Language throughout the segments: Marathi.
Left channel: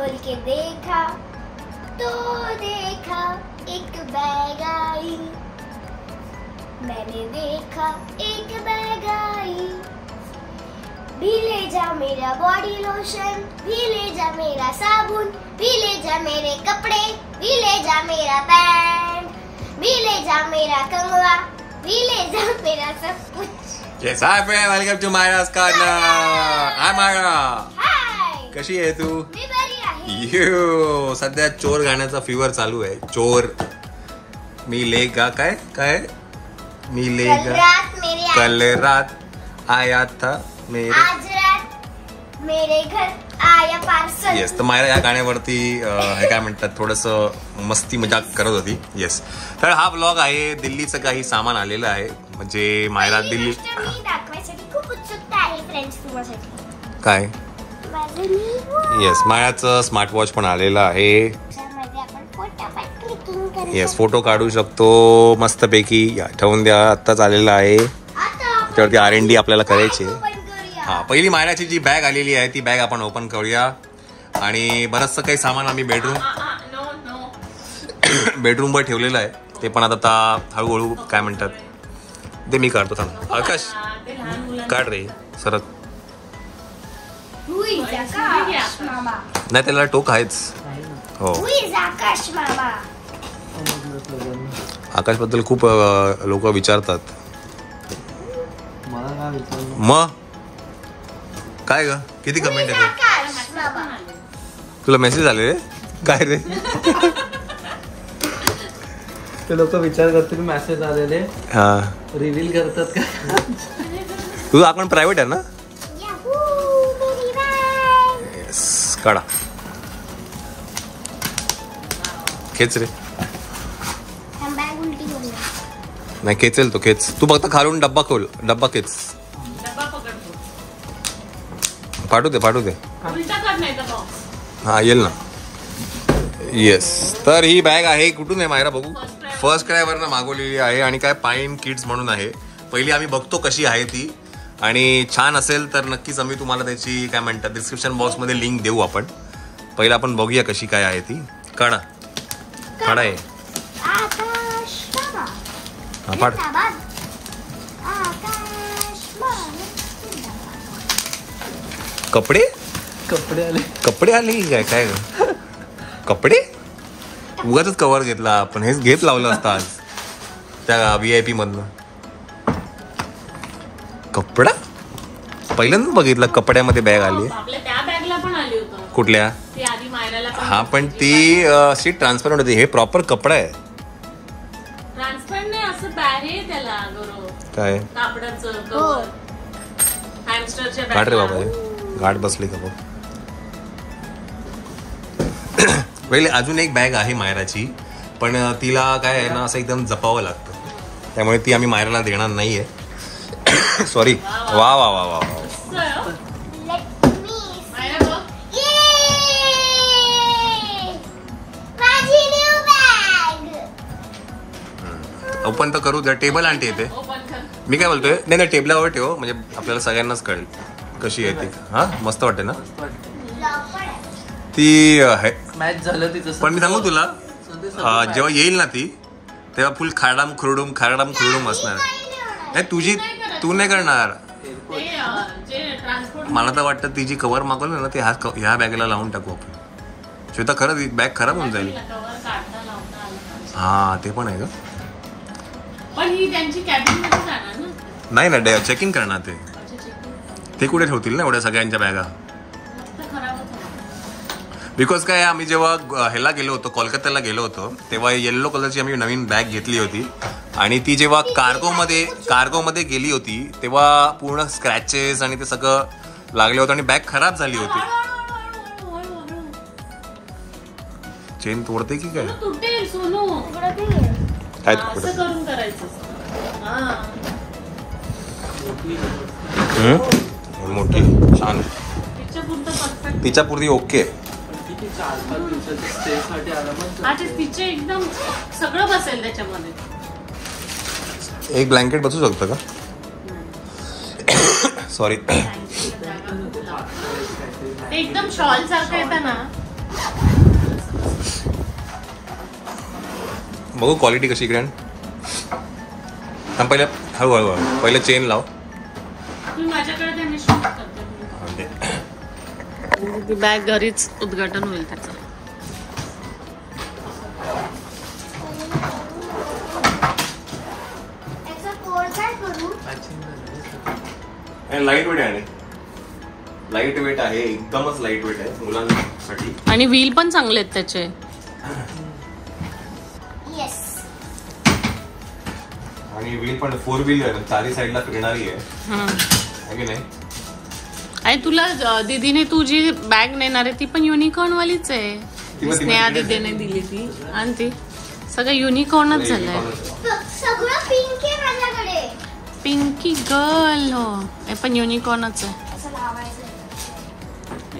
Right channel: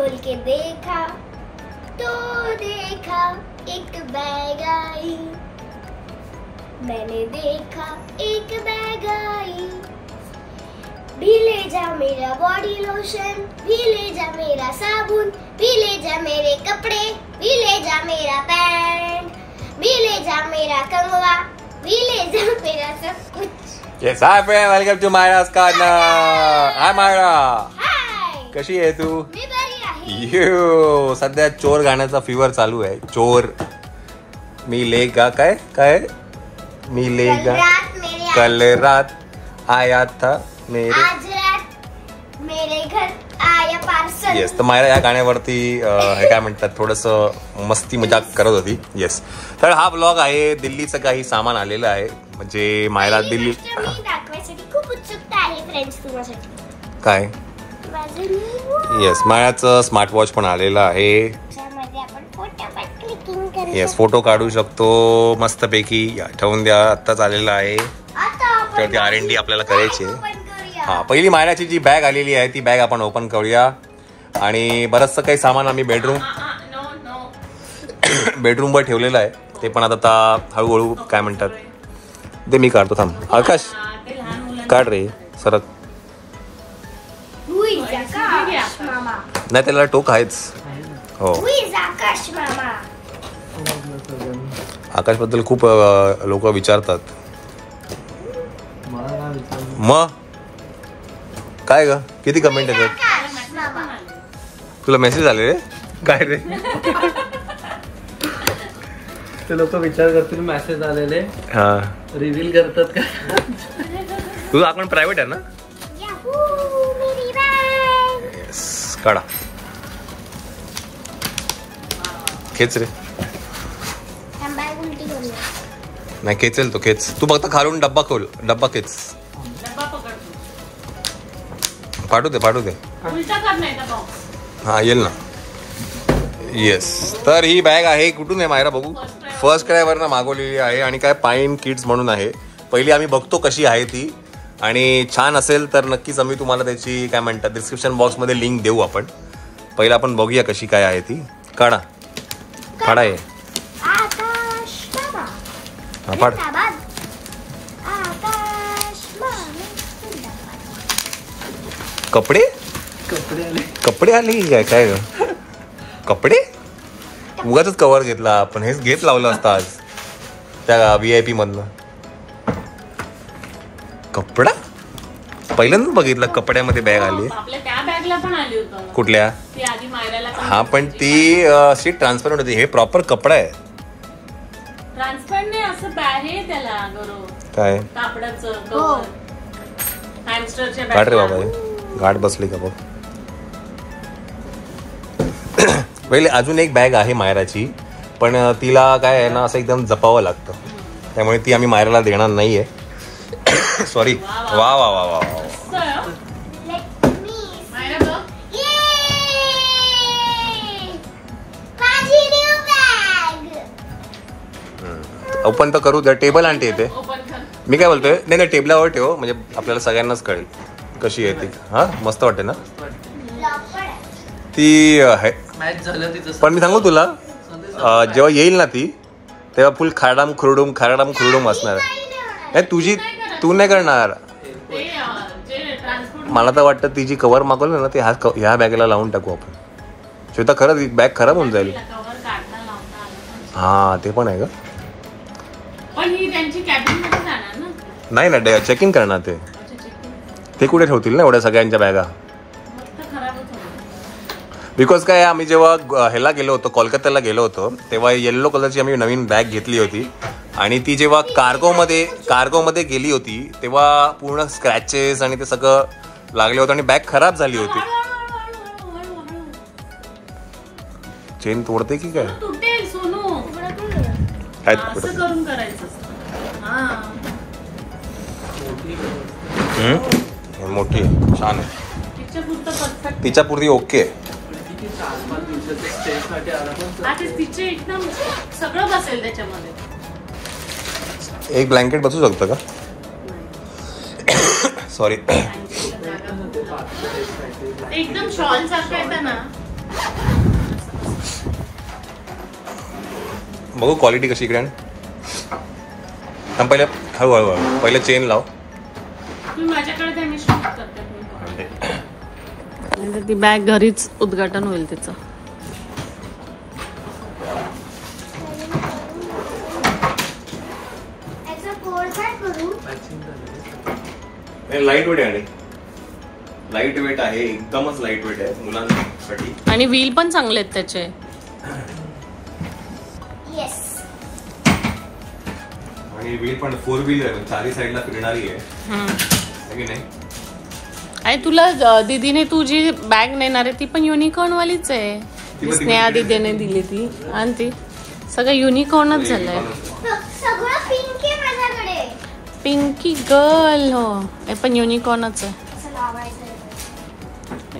खोल के देखा तो देखा एक बैग आई, मैंने देखा एक बैग आई। भी ले जा मेरा बॉडी लोशन, भी ले जा मेरा साबुन, भी ले जा मेरे कपड़े, भी ले जा मेरा पैंट, भी ले जा मेरा कंगवा, भी ले जा मेरा सब कुछ। Yes, hi friend, welcome to Myra's Corner. Hi Myra. Hi. कशी आहे तू? मी बरी आहे. यो, सध्या चोर गाण्याचा फीवर चालू आहे. चोर मी लेगा काय काय मी लेगा कल रात आया था मेरे आज रात मेरे घर आया पार्सल. येस, तर मायरा या गाण्यावरती हे काय म्हणतात थोडस मस्ती मजाक करत होती. येस, तर हा ब्लॉग आहे दिल्लीचं काही सामान आलेलं आहे. म्हणजे मायरा दिल्ली दाखवायसाठी खूप उत्सुकता आहे फ्रेंड्स तुम्हाला. काय? येस, मायाचं स्मार्ट वॉच पण आलेलं आहे. आपण फोटोवर क्लिकिंग करू. येस, फोटो काढू शकतो मस्तपैकी. ठेवून द्या, आत्ताच आलेला आहे. तर ती R&D आपल्याला करायची आहे. हा, पहिली मायराची जी बॅग आलेली आहे ती बॅग आपण ओपन करूया. आणि बरंचसं काही सामान आम्ही बेडरूमवर ठेवलेलं आहे. ते पण आता हळूहळू काय म्हणतात ते मी काढतो. थांब आकाश, काढ रे सरक. नाही, त्याला टोक आहेच. हो, आकाश बद्दल खूप लोक विचारतात. मग काय ग, किती कमेंट येतात? तुला मेसेज आले रे काय रे? ते लोक विचार करतील मेसेज आलेले. हा, रिव्हील करतात का? तुझं अकाउंट प्रायव्हेट आहे ना? येस, काढा, खेच रे. नाही खेचेल तो, खेच तू. फक्त खालून डब्बा खोल, डब्बा खेच. पाठवू दे. हा, येईल ना. येस, तर ही बॅग आहे. कुठून आहे मायरा बघू? फर्स्ट क्रायवरनं मागवलेली आहे आणि काय पाईन किड्स म्हणून आहे. पहिली आम्ही बघतो कशी आहे ती, आणि छान असेल तर नक्कीच आम्ही तुम्हाला त्याची काय म्हणतात डिस्क्रिप्शन बॉक्समध्ये लिंक देऊ. आपण पहिला आपण बघूया कशी काय आहे ती. काढा आहे. हा, पाड. कपडे आले काय काय ग? कपडे उगाच कव्हर घेतला आपण. हेच घेत लावलं असतं आज त्या VIP मधनं. कपडा पहिल्यांदा बघितलं कपड्यामध्ये बॅग आली. कुठल्या? हा, पण ती अशी ट्रान्सपरंट होती. हे प्रॉपर कपडा आहे. काय काढ रे बाबा, गाठ बसली का बघ. पहिले अजून एक बॅग आहे मायराची, पण तिला काय आहे ना असं एकदम जपावं लागतं, त्यामुळे ती आम्ही मायराला देणार नाहीये. सॉरी. वा वा वा वा वा. ओपन तर करू द्या. टेबल आणते येते. मी काय बोलतोय, नाही टेबलावर ठेव म्हणजे आपल्याला सगळ्यांनाच कळेल कशी आहे ती. हा, मस्त वाटते ना ती. पण मी सांगू तुला, जेव्हा येईल ना ती तेव्हा फुल खाडाम खुरडूम असणार. नाही तुझी, तू नाही करणार. मला तर वाटतं ती जी कव्हर मागवलं ना ते ह्या बॅगला लावून टाकू आपण. श्वेता, खरंच बॅग खराब होऊन जाईल. हा, ते पण आहे का? नाही ना, चेकिंग करणार ते कुठे ठेवतील ना एवढ्या सगळ्यांच्या बॅगा. बिकॉज काय, आम्ही जेव्हा ह्याला गेलो होतो, कोलकात्याला गेलो होतो, तेव्हा येल्लो कलरची आम्ही नवीन बॅग घेतली होती. आणि ती जेव्हा कार्गोमध्ये गेली होती तेव्हा पूर्ण स्क्रॅचेस आणि ते सगळं लागले होतं आणि बॅग खराब झाली होती. चेन तोडते की काय? मोठी छान आहे. तिच्या पूर्वी ओके. एक ब्लँकेट बसू शकतं का? सॉरी, एकदम शॉल सारखं येतं ना. बघू क्वालिटी कशी ग्रँड. पहिले हळूहळू पहिले चेन लाव. ती बॅग घरीच उद्घाटन होईल त्याचं. लाईट वेट आहे. लाईट वेट आहे, एकदमच लाईट वेट आहे मुलांसाठी. आणि व्हील पण चांगले आहेत त्याचे. आणि व्हील पण 4 व्हीलर चारी साईडला फिरणारी आहे की नाही. आणि तुला दीदीने तू जी बॅग नेणार आहे ती पण युनिकॉर्न वालीच आहे. स्नेहा दीदीने दिली ती. आणि ती सगळं युनिकॉर्नच झालंय. पिंकी गर्ल. हो हे पण युनिकॉर्नच आहे.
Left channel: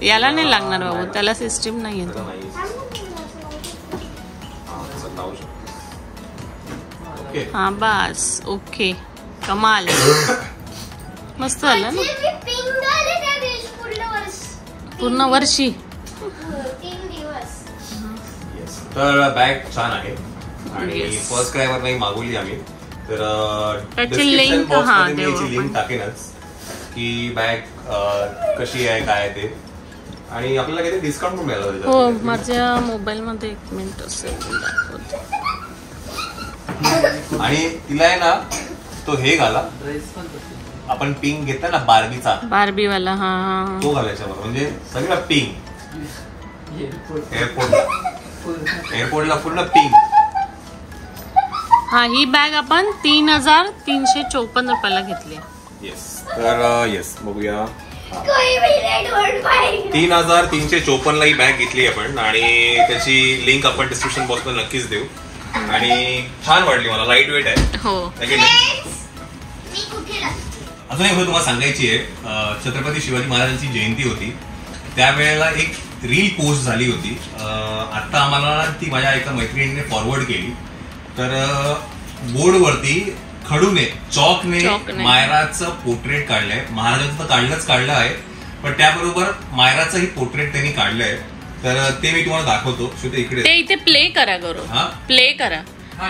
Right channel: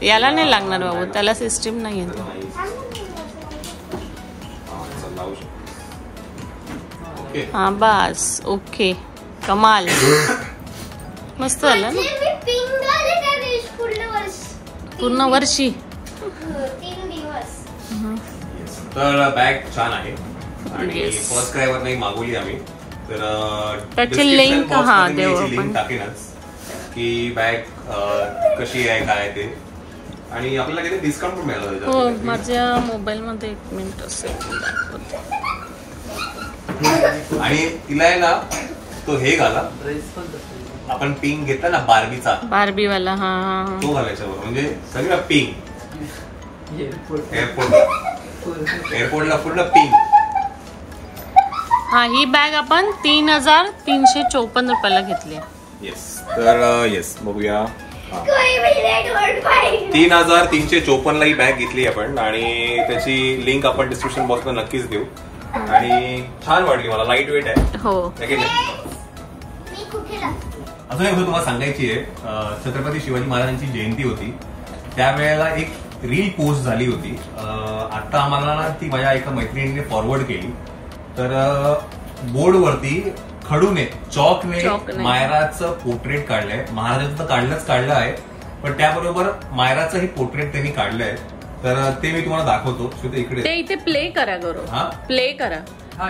याला नाही लागणार बाबू, त्याला सिस्टीम नाही आहे. हा बस ओके. कमाल. मस्त झालं ना पूर्ण वर्षी. तर बॅग छान आहे आणि फर्स्ट क्राय वर नाही मागवली आम्ही. तर त्याची लिंक लिंक टाकेनच की बॅग कशी आहे काय ते. आणि आपल्याला काही डिस्काउंट पण मिळालं. हो माझ्या मोबाईल मध्ये 1 मिनिट असेल दाखवते. आणि तिला आहे ना तो हे घाला, आपण पिंक घेतला ना बार्बीचा, बार्बीवाला. हा तो घालायचा बरोबर. म्हणजे सगळं पिंक. एअरपोर्टला पूर्ण पिंक. हा ही बॅग आपण 3,354 रुपयाला घेतली. येस. तर येस बघूया. 3,354 ला ही बॅग घेतली आपण. आणि त्याची लिंक आपण डिस्क्रिप्शन बॉक्स मध्ये नक्कीच देऊ. आणि छान वाटली मला. लाईट वेट आहे. हो. अजून एक गोष्ट तुम्हाला सांगायची आहे. छत्रपती शिवाजी महाराजांची जयंती होती त्यावेळेला एक रील पोस्ट झाली होती. आता आम्हाला ती माझ्या एका मैत्रिणीने फॉरवर्ड केली. तर बोर्डवरती खडूने चॉकने मायराचं पोर्ट्रेट काढलंय. महाराजांचं तर काढलं आहे पण त्याबरोबर मायराचंही पोर्ट्रेट त्यांनी काढलंय. तर ते मी तुम्हाला दाखवतो. इकडे ते इथे प्ले करा गौरव. प्ले करा.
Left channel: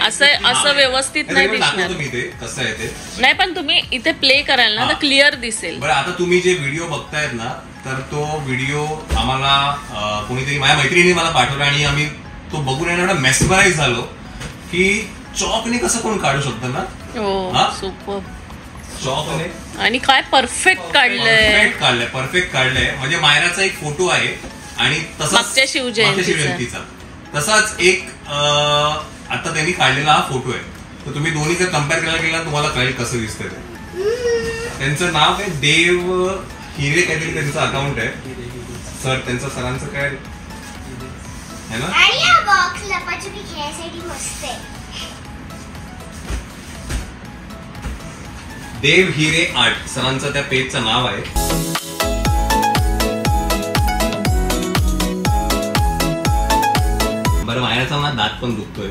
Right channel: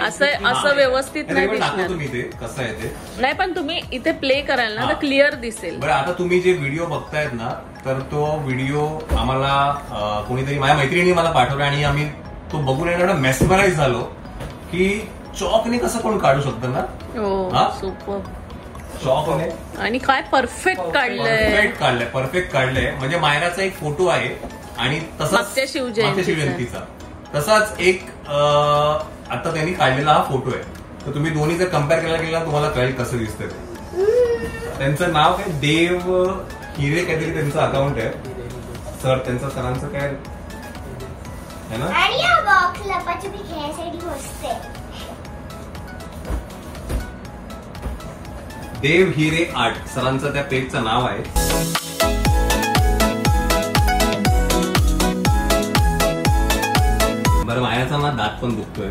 असं व्यवस्थित नाही दिसणार. तुम्ही ते कसं आहे ते नाही पण तुम्ही इथे प्ले कराल ना तर क्लिअर दिसेल. बरं आता तुम्ही जे व्हिडिओ बघतायत ना तर तो व्हिडिओ आम्हाला कोणीतरी माझ्या मैत्रिणीने मला पाठवला आणि आम्ही तो बघून एवढा मेस्मराइज झालो की चॉकने कसं कोण काढू शकतं ना. हो सुपर. चॉकने आणि काय परफेक्ट परफेक्ट काढलंय. म्हणजे मायराचा एक फोटो आहे आणि तसाच मागच्या शिवजयंतीचा तसाच एक आता त्यांनी काढलेला हा फोटो आहे. तर तुम्ही दोन्ही जर कम्पेअर करायला गेला तुम्हाला कळेल कसं दिसतंय ते. त्यांचं नाव काय देव हिरे काहीतरी त्यांचं अकाउंट आहे. सर त्यांचं सरांचं काय आहे ना. देव हिरे आर्ट सरांचं त्या पेजचं नाव आहे. बरं मायराचा मला दात पण दुखतोय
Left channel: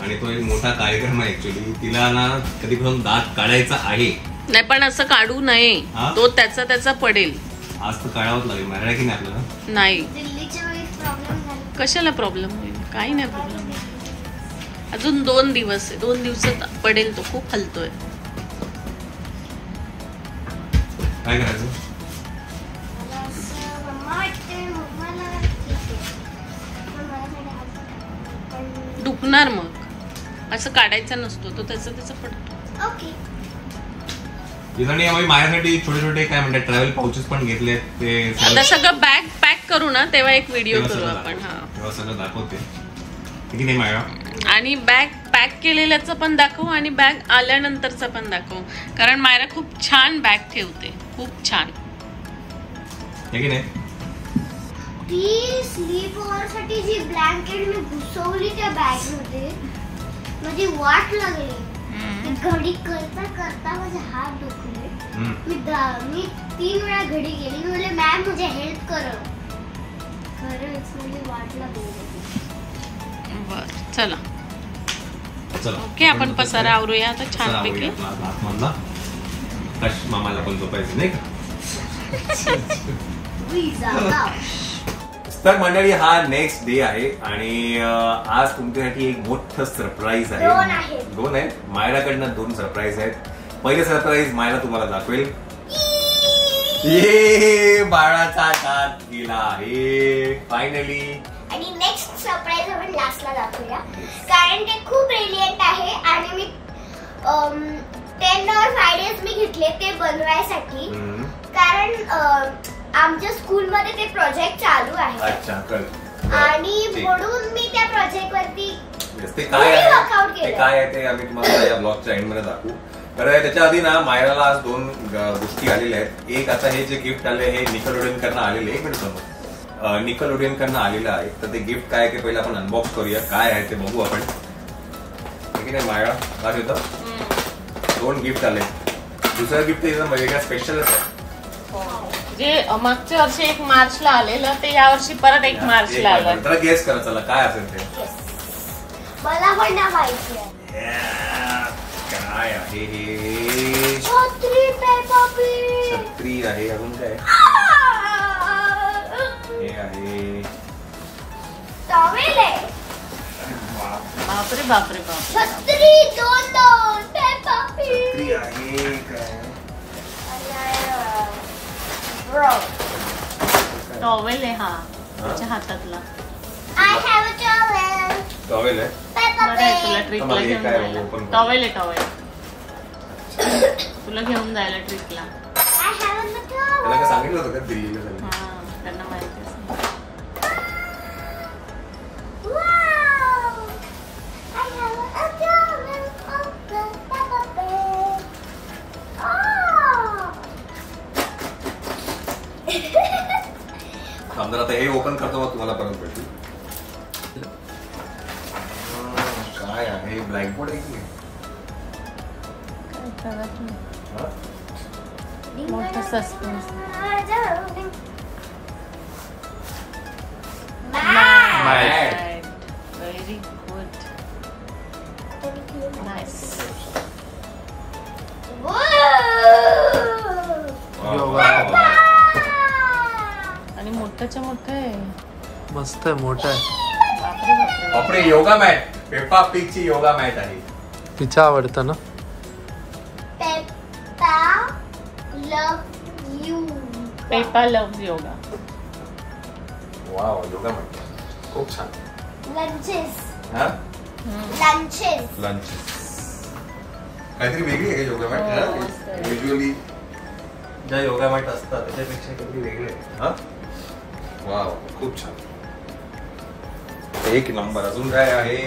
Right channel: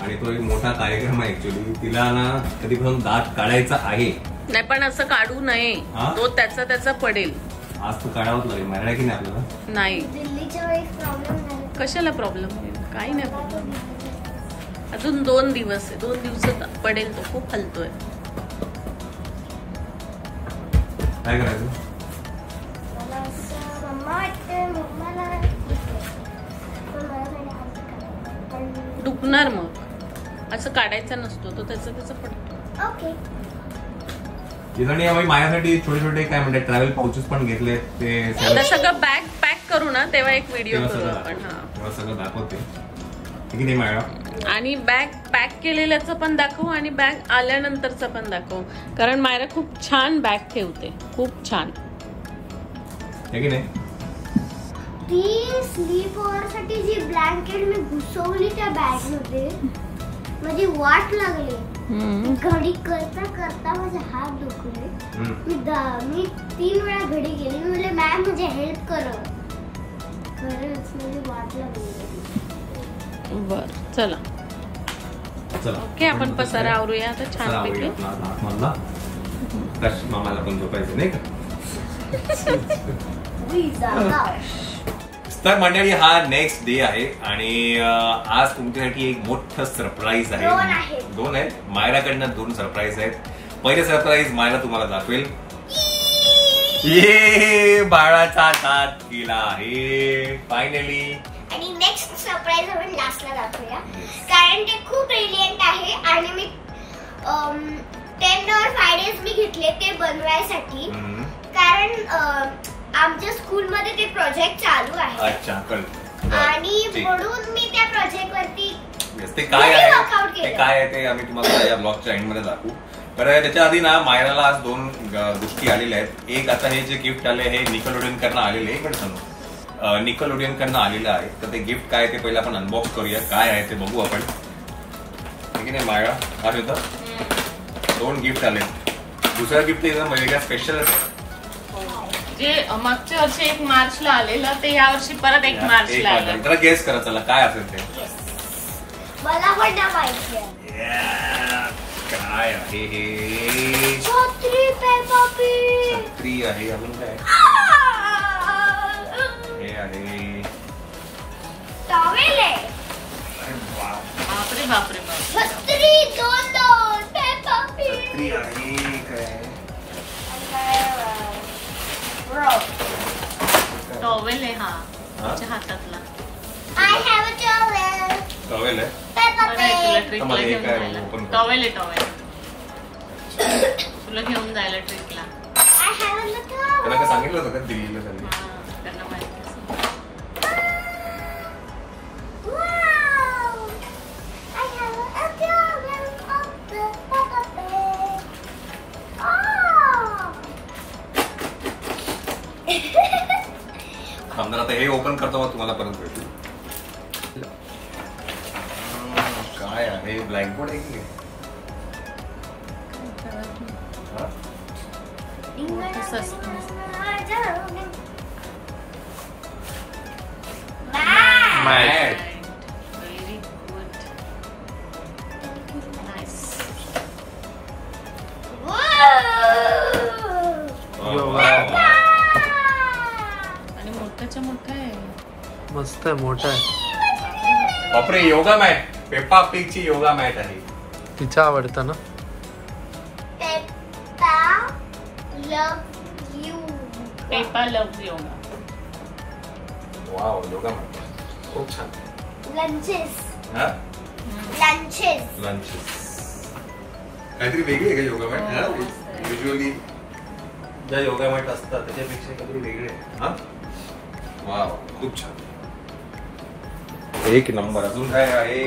आणि तो एक मोठा कार्यक्रम आहे ऍक्च्युली. तिला ना कधीपासून दात काढायचा आहे. नाही पण असं काढू नये. तो त्याचा पडेल. आज तर काढावंच लागेल मायरा की नाही आपल्याला. नाही कशाला प्रॉब्लेम होईल. काही नाही प्रॉब्लेम. अजून 2 दिवस आहे. 2 दिवसात पडेल. तो खूप हलतोय. काय करायचं. दुखणार मग. असं काढायचा नसतो तो त्याचा पडतो. ओके. माझ्यासाठी छोटे छोटे काय म्हणतात ट्रॅव्हल पाउचेस पण घेतले. ते आता सगळं बॅग पॅक करू ना तेव्हा एक व्हिडिओ करू आपण. तेव्हा सगळं दाखवते की नाही मायरा. आणि बॅग पॅक केलेल्याचं पण दाखवू आणि बॅग आल्यानंतरचं पण दाखवू. कारण मायरा खूप छान बॅग ठेवते. खूप छान की नाही. ती स्लीप ओव्हर साठी जी ब्लँकेट मी घुसवली त्या बॅग मध्ये माझी वाट लागली. घडी करता करता माझे हात दुखले. मी 3 वेळा घडी केली. मी बोलले मॅम मुझे हेल्प करो. खरंच माझी वाट लागली. बर चला ओके आपण पसारा आवरूया आता छानपैकी. मामाला पण झोपायचं नाही का. तर मंडळी हा नेक्स्ट डे आहे आणि आज तुमच्यासाठी एक मोठं सरप्राईज दोन आहे. आहेत. दोन आहेत. मायराकडनं 2 सरप्राईज आहेत. पहिले सरप्राईज मायरा तुम्हाला दाखवेल. ये बाळाचा दात गेला आहे फायनली. आणि नेक्स्ट सरप्राईज आपण लास्टला दाखवूया कारण ते खूप ब्रिलियंट आहे आणि मी 10 or 5 days मी घेतले ते बनवायसाठी कारण आमच्या स्कूलमध्ये ते प्रोजेक्ट चालू आहे. अच्छा कळलं. आणि ठीक. म्हणून मी त्या प्रोजेक्ट वरती ते काय आहे वर्कआउट ते केलं. काय आहे ते आम्ही तुम्हाला या ब्लॉगच्या एंड मध्ये दाखवू. बरं त्याच्या आधी ना मायराला आज 2 गोष्टी आलेल्या आहेत. एक आता हे जे गिफ्ट आले हे निकलोडियन कडनं आलेले आहे. पण सांगू निकलोडियन कडनं आलेलं आहे तर ते गिफ्ट काय ते पहिले आपण अनबॉक्स करूया. काय आहे ते बघू आपण. ठीक आहे मायरा काय होतं 2 गिफ्ट आले. दुसरं गिफ्ट एकदम वेगळ्या स्पेशलच आहे. जे मागच्या वर्षी 1 मार्चला आलेलं ते या वर्षी परत 1 मार्चला आलं. जरा गेस करा चला काय असेल ते. मला पण ना माहिती आहे. काय आहे हे. छत्री पेपा पी छत्री आहे. अजून काय हे आहे. टॉवेल आहे. बापरे बापरे बाप. छत्री 2 पेपा पी छत्री आहे काय. टॉवेल आहे हा त्याच्या हातातला. I have a towel. Towel आहे. Peppa बरं आहे तुला Pig. ट्रिपला मला हे घेऊन काय जायला. open कर. टॉवेल आहे टॉवेल तुला घेऊन जायला ट्रिपला. I have a towel. त्याला काय सांगितलं होतं का दिल्लीला झालं. त्यांना माहिती असेल. Wow. I have a towel of the Peppa Pig. समजा आता हे ओपन करतो मग तुम्हाला परत भेटू. काय आहे ब्लॅकबोर्ड आहे की हा? मोठं suspense. Mat. Very good. Nice. आणि मोठ्याच्या मोठं आहे. मस्त आहे, मोठा आहे. बापरे बापरे. बापरे योगा मॅट. पेप्पा पिगची योगा मॅट आहे. तिच्या आवडतं ना. Peppa love yoga. Wow yoga mat खूप छान. लंचेस हा लंचेस लंच काहीतरी वेगळी आहे का योगा मॅट. युजली ज्या योगा मॅट असतात त्याच्यापेक्षा काहीतरी वेगळे आहे. हा वाव खूप छान. एक नंबर. अजून काय आहे.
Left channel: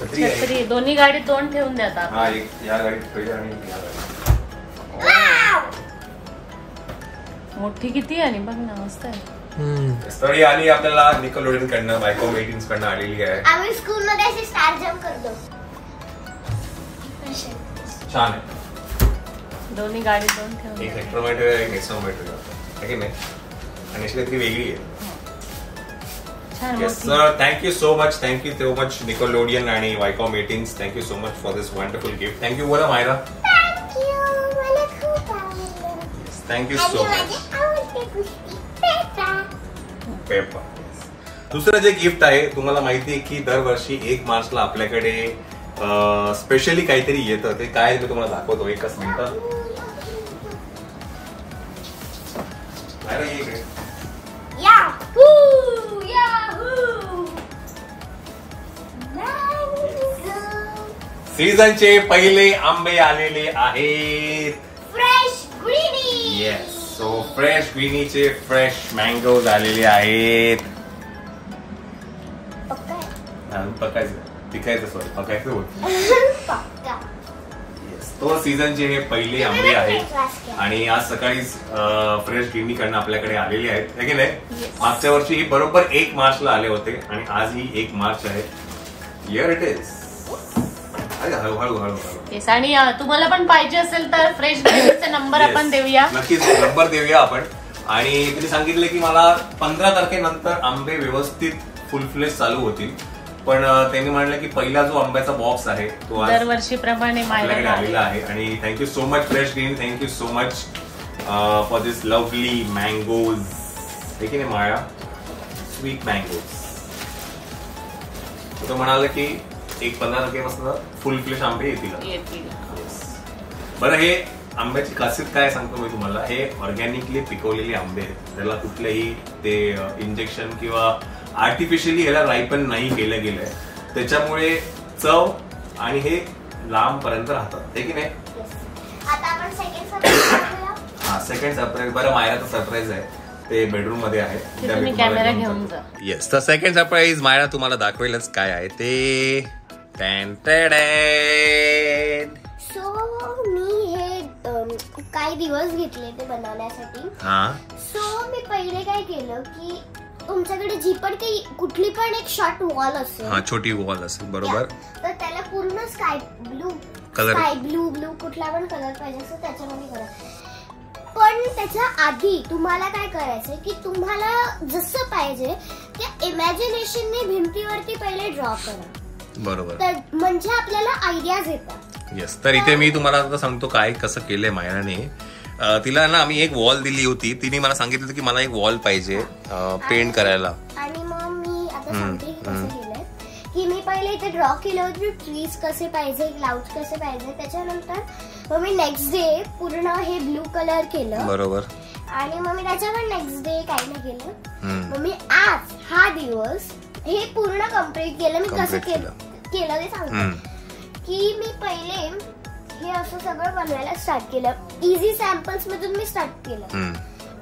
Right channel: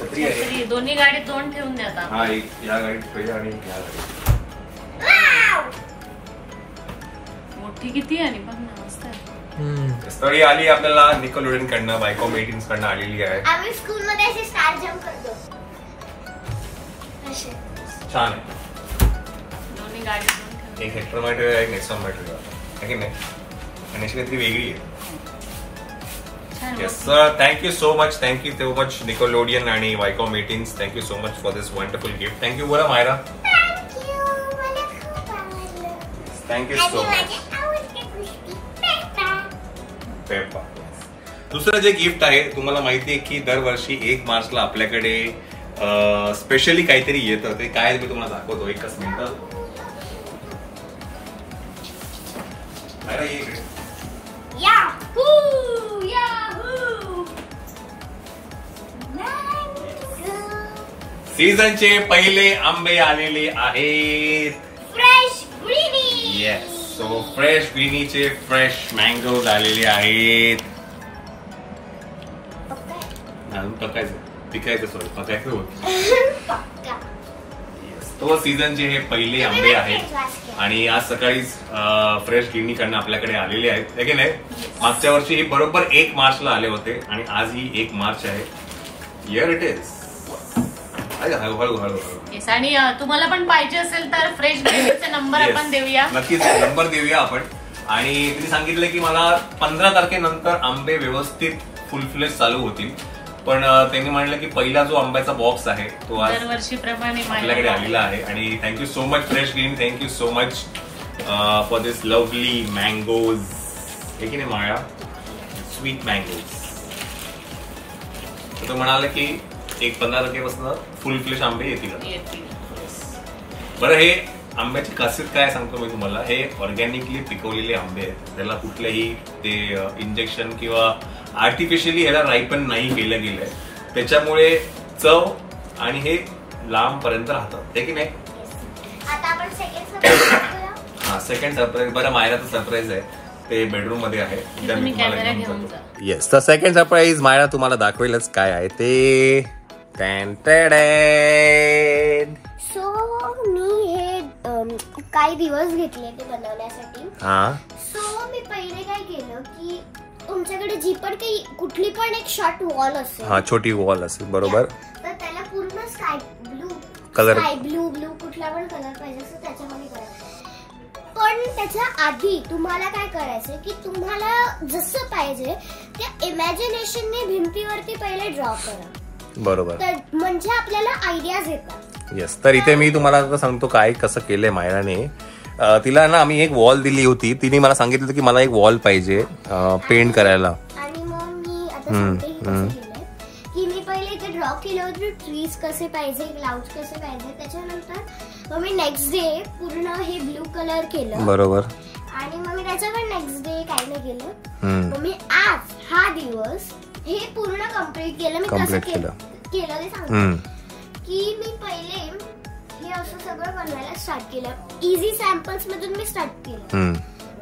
छत्री आहे. छत्री दोन्ही गाडी तोंड ठेवून देतात. हा एक या गाडीत पहिले आणि एक या गाडीत. मोठी किती आहे आणि बघ ना मस्त आहे. स्टोरी आली आपल्याला निकलोडियन कडनं वायकॉम 18 कडनं आलेली आहे. आम्ही स्कूल मध्ये अशी स्टार जम्प करतो. असे. छान आहे. दोन्ही गाडी तोंड ठेवून. एक हेक्टरोमीटर आहे एक नेक्सोमीटर आहे की नाही. आणि अशी काहीतरी वेगळी आहे. छान येस मोठी. Sir thank you so much Nickelodeon आणि Viacom 18 thank you so much for this wonderful gift. Thank you बोला मायरा. Thank you. मला खूप आवडलं. थँक्यू आणि सो मच. माझी आवडती गोष्टी पेपा. पेपा. दुसरं जे गिफ्ट आहे तुम्हाला माहिती आहे की दरवर्षी 1 मार्चला आपल्याकडे स्पेशली काहीतरी येतं. ते काय मी तुम्हाला दाखवतो. एकच मिनिट. Yahoo! Yahoo! Mango. सीझनचे पहिले आंबे आलेले आहेत. Fresh greenie. Yes so fresh ग्रीनीचे फ्रेश मँगोज आलेले आहेत. अजून पिकायचं सॉरी पकायचं होत. पक्का. तो सीझनचे हे पहिले आंबे आहेत आणि आज सकाळीच फ्रेश ग्रीनी कडनं आपल्याकडे आलेले आहेत है की नाही. मागच्या वर्षी ही बरोबर 1 मार्चला आले होते आणि आज ही 1 मार्च आहे. Here it is. हळू हळू हळू हळू. येस आणि तुम्हाला पण पाहिजे असेल तर फ्रेश ग्रीनचे नंबर Yes. आपण देऊया. नक्कीच नंबर देऊया आपण. आणि तुम्ही सांगितलं की मला 15 तारखेनंतर आंबे व्यवस्थित फुल फ्लेश चालू होतील. पण त्यांनी म्हणलं की पहिला जो आंब्याचा बॉक्स आहे तो आज दरवर्षीप्रमाणे आपल्याकडे आलेला आहे. आणि thank you so much fresh green. Thank you so much for this lovely mangoes. हे की नाही माळा. Sweet mango. तो म्हणाले की एक 15% फुल फ्लेश आंबे येतील. बरं, हे आंब्याची खासियत काय सांगतो मी तुम्हाला. हे ऑर्गॅनिकली पिकवलेले आंबे आहेत. त्याला कुठल्याही ते इंजेक्शन किंवा आर्टिफिशियली याला रायपन नाही केलं गेलंय. त्याच्यामुळे चव आणि हे लांब पर्यंत राहतात, हे की नाही. आता आपण सेकंड सरप्राईज. हा, सेकंड सरप्राईज. बरं, मायराचं सरप्राईज आहे ते बेडरूम मध्ये आहे. येस, तर सेकंड सरप्राईज मायरा तुम्हाला दाखवेलच काय आहे ते. सो मी हे काही दिवस घेतले ते बनवण्यासाठी. सो मी पहिले काय केलं की तुमच्याकडे जी पण काही कुठली पण एक शॉर्ट वॉल असेल, छोटी वॉल असेल, बरोबर, तर त्याला पूर्ण स्काय ब्लू कुठला पण कलर पाहिजे असेल त्याच्यामध्ये करा. पण त्याच्या आधी तुम्हाला काय करायचं की तुम्हाला जसं पाहिजे त्या इमॅजिनेशनने भिंतीवरती पहिले ड्रॉ करा, बरोबर, तर म्हणजे आपल्याला आयडियाज येतात. येस, तर इथे मी तुम्हाला सांगतो काय कसं केलंय मायराने. तिला ना आम्ही एक वॉल दिली होती. तिने मला सांगितलं की मला एक वॉल पाहिजे पेंट करायला. आणि मग मी आता सांगते की कसं केलंय की मी पहिले इथे ड्रॉ केलं होतं ट्रीज कसे पाहिजे, क्लाउड्स कसे पाहिजे. त्याच्यानंतर मग मी नेक्स्ट डे पूर्ण हे ब्लू कलर केलं, बरोबर, आणि मग मी त्याच्यावर नेक्स्ट डे काही नाही केलं. मग मी आज हा दिवस हे पूर्ण कम्प्लीट केलं. मी कसं केलं ते सांगते की मी पहिले हे असं सगळं बनवायला स्टार्ट केलं. इझी सॅम्पल्स मधून मी स्टार्ट केलं.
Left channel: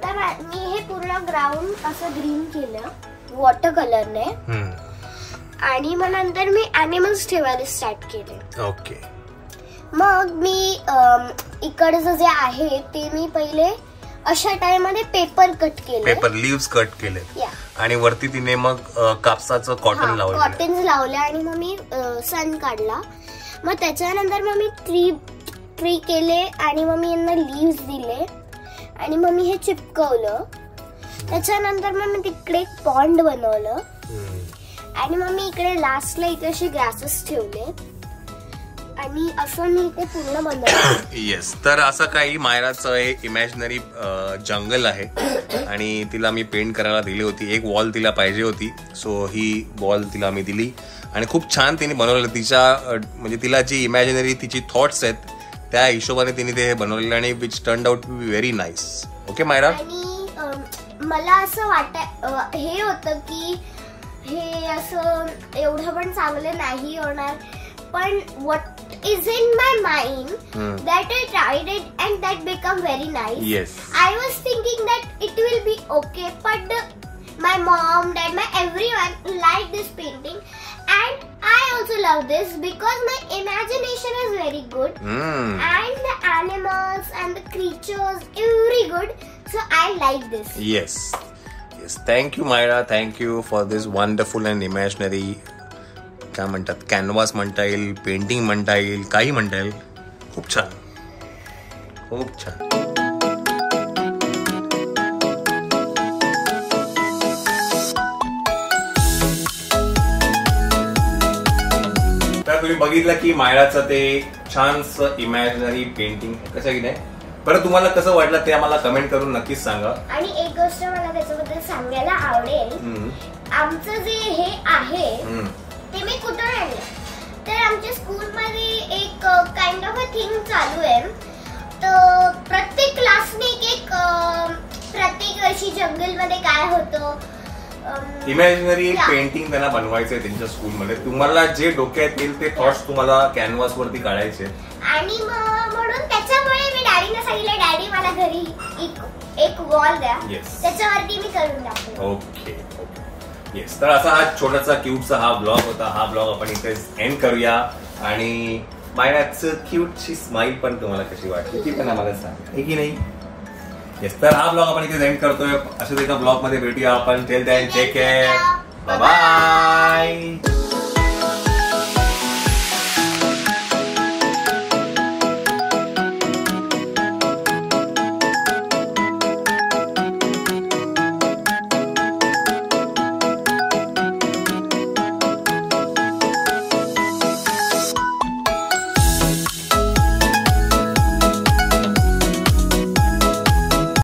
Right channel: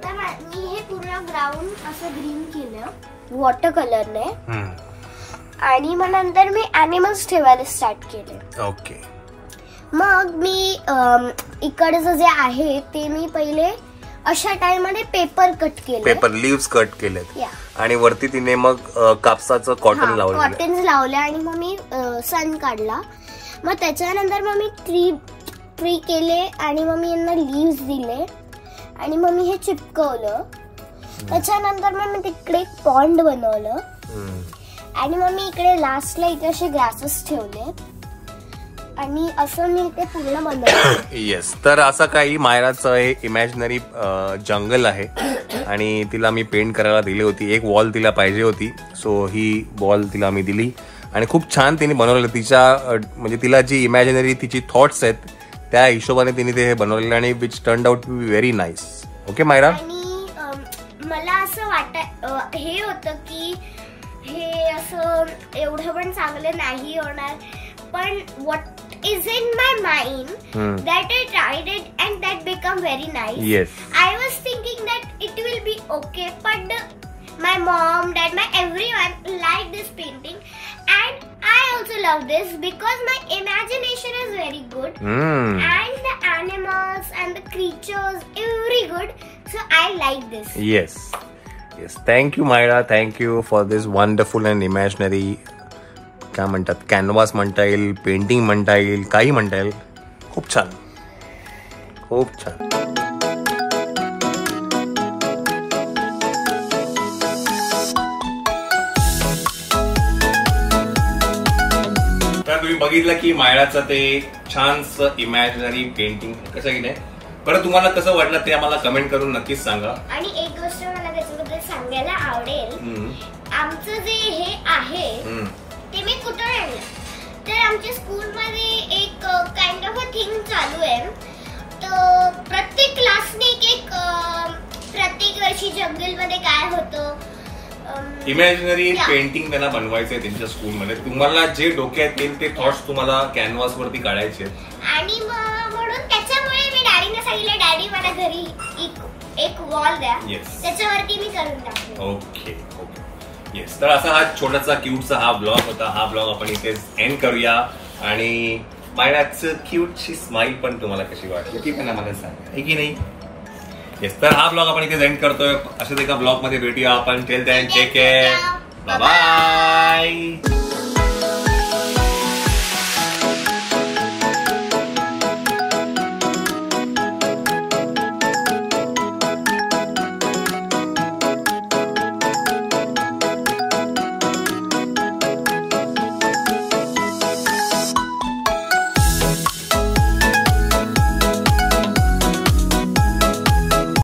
तर मी हे पूर्ण ग्राउंड असं ग्रीन केलं वॉटर कलरने, आणि मग नंतर मी अॅनिमल्स ठेवायला स्टार्ट केले. ओके. मग मी इकडचं जे आहे ते मी पहिले अशा टाइम मध्ये पेपर कट केले, पेपर लिव्स कट केले, आणि वरती तिने मग कापसाचं कॉटन लावलं, कॉटन्स लावले, आणि मग मी सन काढला. मग त्याच्यानंतर मग मी ट्री केले, आणि मग मी यांना लिव्स दिले, आणि मग मी हे चिपकवलं. त्याच्यानंतर मग मी तिकडे एक पॉन्ड बनवलं, आणि मग मी इकडे लास्टला इथे असे ग्रासेस ठेवले, आणि असं मी ते पूर्ण बनवलं. येस, तर असं काही मायराचं एक इमॅजिनरी जंगल आहे, आणि तिला मी पेंट करायला दिली होती. एक वॉल तिला पाहिजे होती, सो ही वॉल तिला मी दिली, आणि खूप छान तिने बनवलेलं. तिच्या म्हणजे तिला जी इमॅजिनरी तिची थॉट्स आहेत त्या हिशोबाने तिने ते बनवलेलं, आणि which turn out to be very nice. Okay Myra. आणि मला असं हे होतं की हे असं एवढं पण चांगलं नाही होणार, पण what is in my mind that I tried it and that become very nice. Yes. I was thinking that it will be okay, but my mom, dad, everyone liked this painting, and I also love this because my imagination is very good, and the animals and the creatures very good, so I like this. Yes. Yes. Thank you, Myra. Thank you for this wonderful and imaginary. काय म्हणतात, कॅनव्हास म्हणता येईल, पेंटिंग म्हणता येईल, काही म्हणता येईल. खूप छान, खूप छान. तर तुम्ही बघितलं की मायराचं ते छानसं इमॅजिनरी पेंटिंग कसं की नाही. बरं, तुम्हाला कसं वाटलं ते आम्हाला कमेंट करून नक्कीच सांगा. आणि एक गोष्ट मला त्याच्याबद्दल सांगायला आवडेल. आमचं जे हे आहे ते मी कुठं आणलं, तर आमच्या स्कूलमध्ये एक काइंड ऑफ अ थिंग चालू आहे. तर प्रत्येक क्लासने एक प्रत्येक वर्षी जंगलमध्ये काय होतं इमॅजिनरी पेंटिंग त्यांना बनवायचंय त्यांच्या स्कूलमध्ये. तुम्हाला जे डोक्यात येईल ते थॉट्स तुम्हाला कॅनव्हास वरती काढायचे, आणि म्हणून त्याच्यामुळे मी डॅडीने सांगितलं, डॅडी मला घरी एक वॉल द्या, त्याच्यावरती मी करून टाकले. Okay okay. येस, तर असा हा छोटासा क्यूटचा हा ब्लॉग होता. हा ब्लॉग आपण इथे एंड करूया. आणि मायराचं क्यूटची स्माइल पण तुम्हाला कशी वाटली ती पण आम्हाला सांगा, आहे की नाही. येस, तर हा ब्लॉग आपण इथे एंड करतोय. अशाच एका ब्लॉग मध्ये भेटूया आपण. Till then take care, bye bye.